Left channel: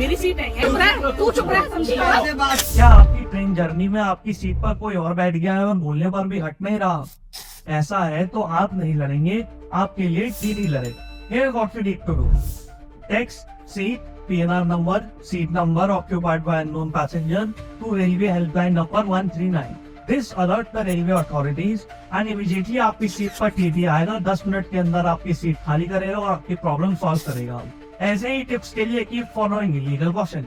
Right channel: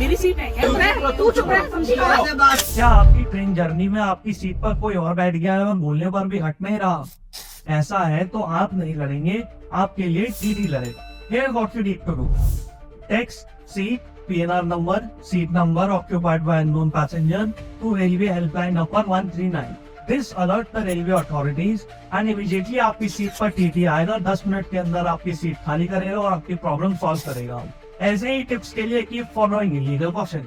मेरी सीट है, तू चुप रह। क्या आपकी ट्रेन जर्नी में आपकी सीट पर कोई और बैठ गया है और बोलने पर भी हट नहीं रहा? ऐसा है तो आप नहीं लड़ेंगे, आपके लिए टीटी लड़े। Here what you need to do. Text seat, PNR number, seat number occupied by unknown passenger to railway helpline number 139. This alert the railway authorities and immediately आपकी सीट पर टीटी आएगा, 10 मिनट के अंदर आपकी seat खाली करेगा और आपकी प्रॉब्लम सॉल्व करेगा। ऐसे ही टिप्स के लिए कीप फॉलोइंग लीगल क्वेश्चन।